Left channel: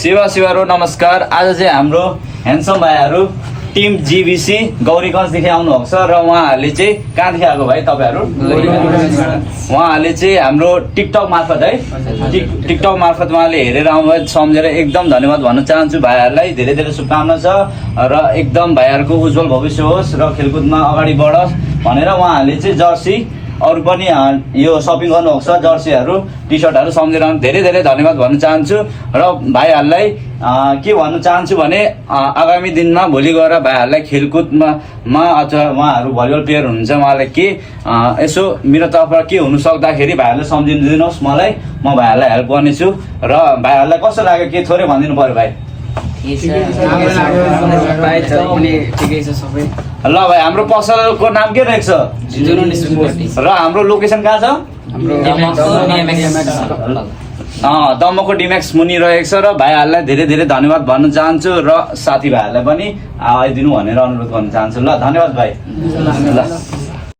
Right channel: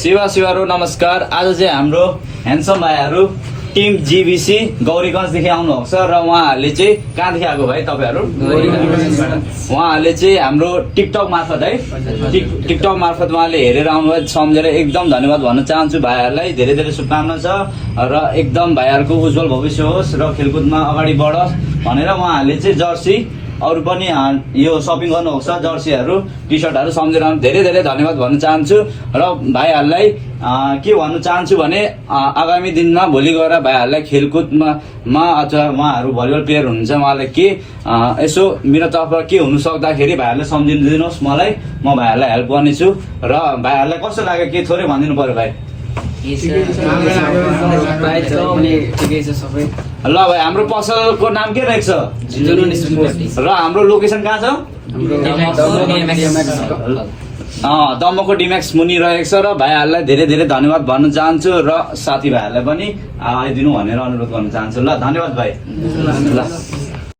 शिवहरू नमस्कार। आज चाहिँ हाम्रो ह्यान्डसम भाइहरू टिम जीबीसी गौरीगञ्जदेखि आउनुभएको छ र उहाँहरूले चाहिँ कहाँदेखि आएको भाइ तपाईँहरू? उहाँहरूले चाहिँ हाम्रो टिकटक मार्फत है टिकटक मार्फत उहाँले हेरेर आउनुभयो, सम्झेर एकदम धन्यवाद भन्न चाहन्छु। भाइहरूलाई धेरै धेरै शुभकामना छ र एकदम भाइहरूको उज्जवल भविष्य होस् र खेलकुदमा अगाडि बढोस् भनेर उहाँहरूले चाहिँ जर्सी अरू पनि यो सपिङ गर्नुभएको छ, जर्सीहरू टी सर्टहरू सम्झेर धेरै धेरै धन्यवाद भन्न चाहन्छु। र भाइहरूलाई के भन्न चाहन्छु भने आगामी दिनमा भोलि गएर भाइहरूलाई खेलकुदमा अथवा उहाँहरू भलिबल प्लेयर हुनुहुन्छ, उहाँलाई के यसो मेरो तर्फबाट के हुनु सक्दाखेरि भाइहरूले सम्झिदिनुहोस् मलाई, म भाइहरूलाई हेल्प गर्नेछु। र भाइहरूलाई कस्तो लाग्यो के थोरै भनिदिनु पर्यो भाइ? ल भाइ, हाम्रो पसलको नाम के रहेछ र हाम्रो लोकेसन कहाँ छ? दमको डिम्याक्स मुनि रहेको छ। र भाइहरूलाई धेरै धेरै धन्यवाद भन्न चाहन्छु र साथीभाइहरूलाई पनि आइदिनु भनेर अनुरोध गर्न चाहन्छु। ल धन्यवाद भाइ। ल